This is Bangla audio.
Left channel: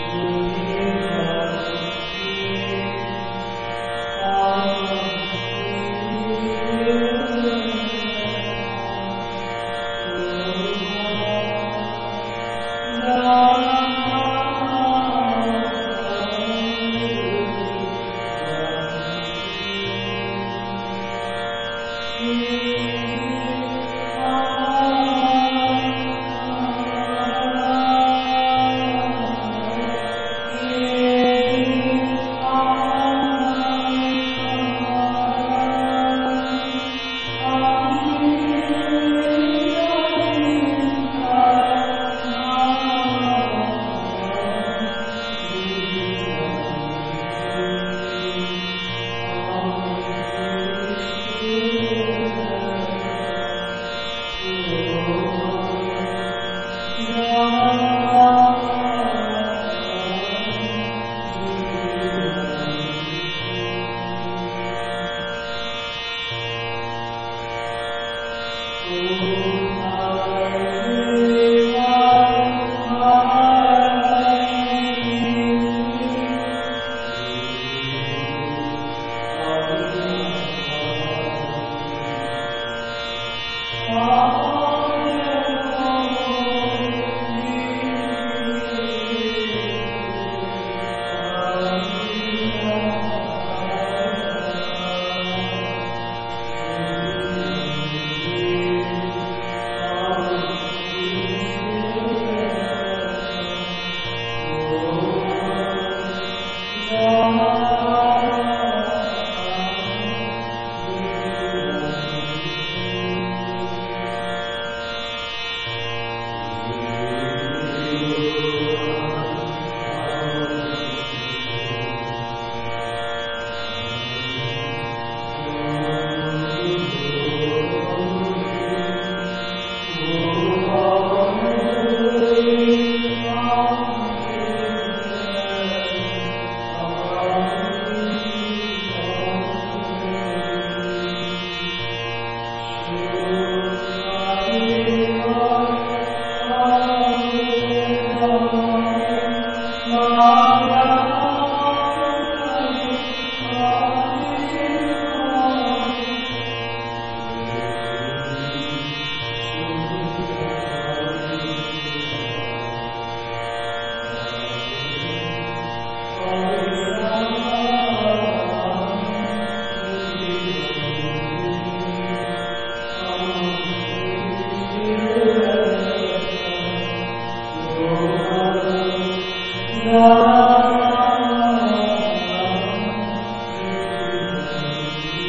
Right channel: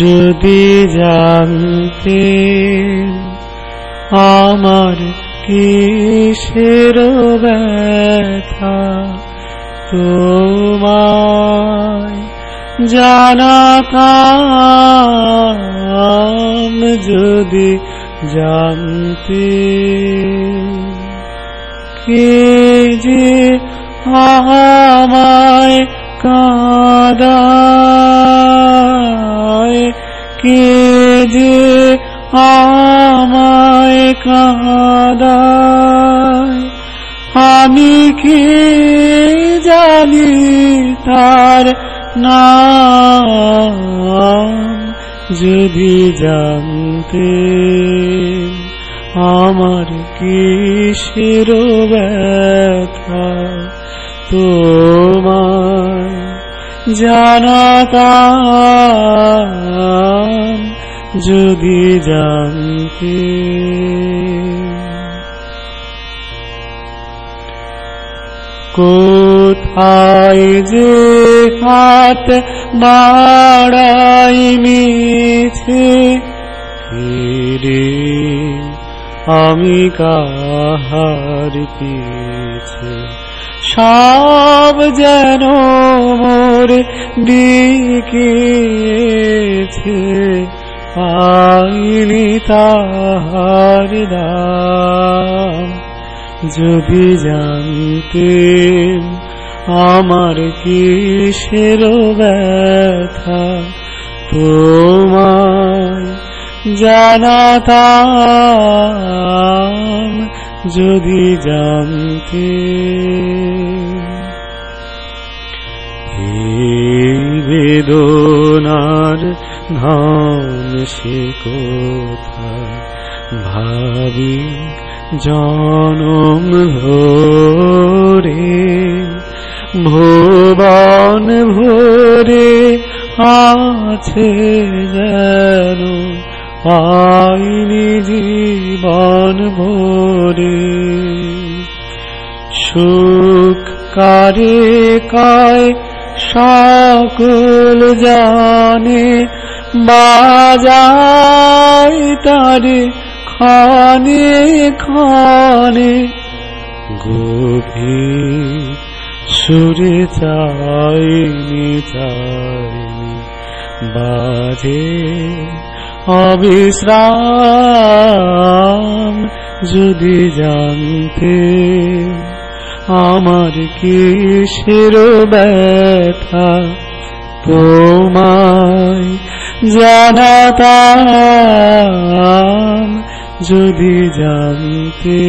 যদি জানতে আমার কিসের ব্যথা, তোমায় জানাতাম যদি জানতে। কে যে আমায় কাঁদায়, কে যে আমায় কাঁদায়, আমি কি জানি তার নাম। যদি জানতে আমার কিসের ব্যথা, তোমায় জানাতাম যদি জানতে। কোথায় যে হাত বাড়াই মিছে, ফিরে আমি কাহার পিছে। সব যেন মোর দিকেছে, পাইনি তাহার নাম। যদি জানতে আমার কিসের ব্যথা, তোমায় জানাতাম যদি জানতে। এই বেদনার নাম সে কোথায়, ভাবি জনম ধরে। ভুবন ভরে আছে যেন, পাইনি জীবন ভরে। সুখ কারে কায় সকল জানে, বাজায় তারে ক্ষণে ক্ষণে। গভীর সুরে চাইনি চাই, বাজে অবিশ্রাম। যদি জানতে আমার কিসের ব্যথা, তোমায় জানাতাম যদি জানতে।